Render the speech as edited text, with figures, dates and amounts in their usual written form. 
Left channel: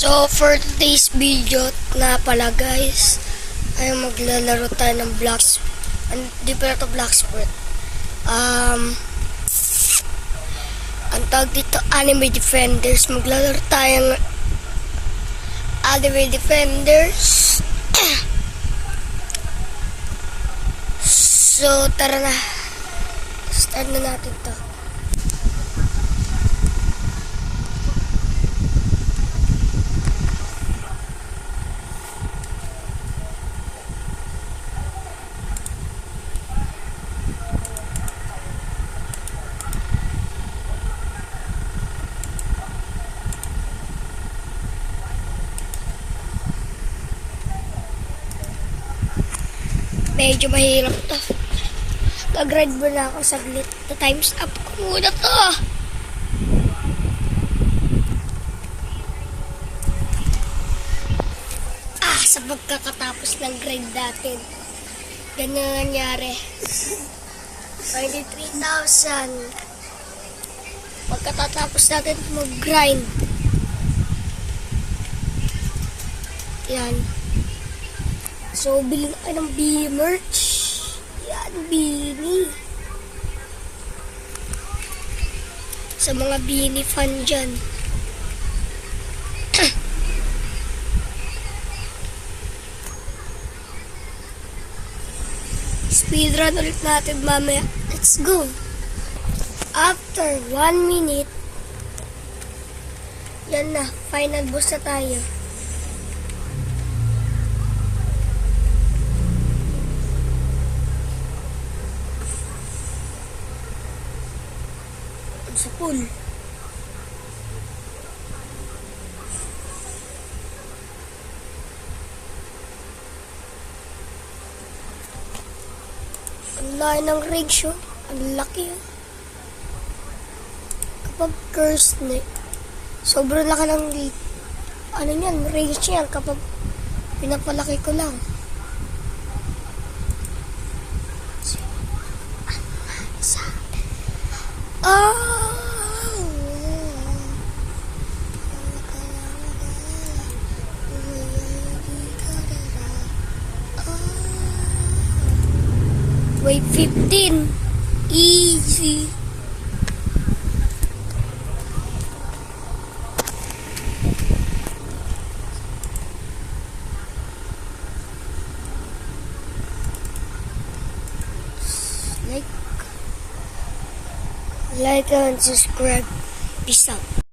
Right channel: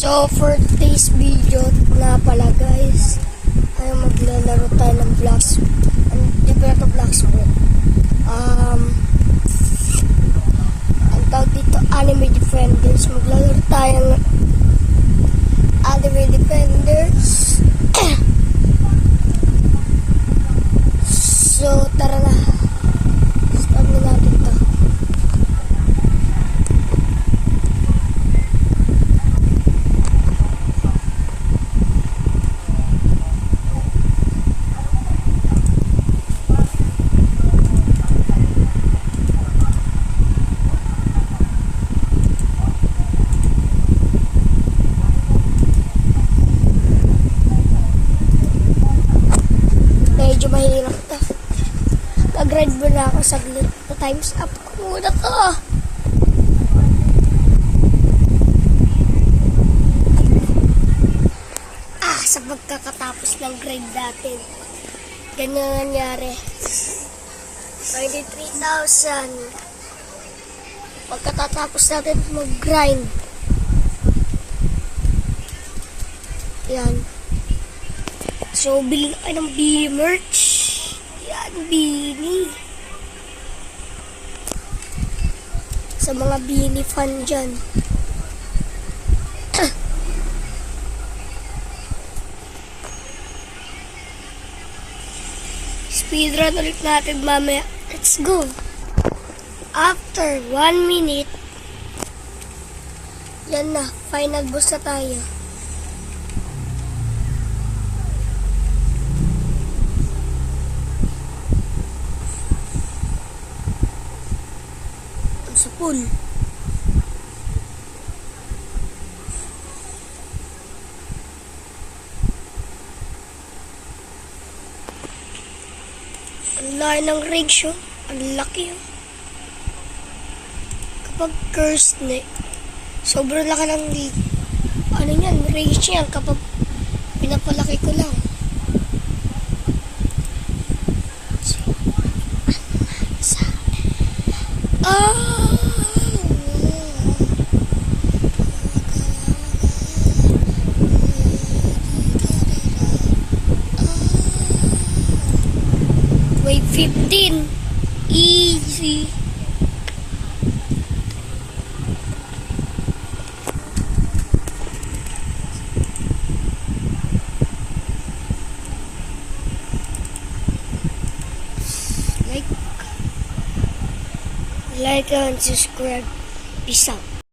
So, for today's video na pala guys, ay maglalaro tayo ng blocks, di pala ito Bloxburg. Ang tawag dito, Anime Defenders. Maglalaro tayo ng Anime Defenders. So, tara na. Start na natin to. Medyo mahirap to. Kag-grind muna ako saglit. Times up ko muna to. Sa pagkakatapos ng grind natin, ganun nangyari. 23,000. Pagkatapos natin mag-grind. Yan. So, bilhin na kayo ng Bini merch. Yan, Bini. Sa mga Bini fan dyan. Speedrun ulit natin mamaya. Let's go. After 1 minute, yan na. Final boss na tayo. Sa pool. Ang laki ng range, oh. Ang laki, oh. Kapag cursed na, sobrang laki ng ano yan, range yan kapag pinapalaki ko lang. Wave 15. Easy. Like and subscribe. Peace out.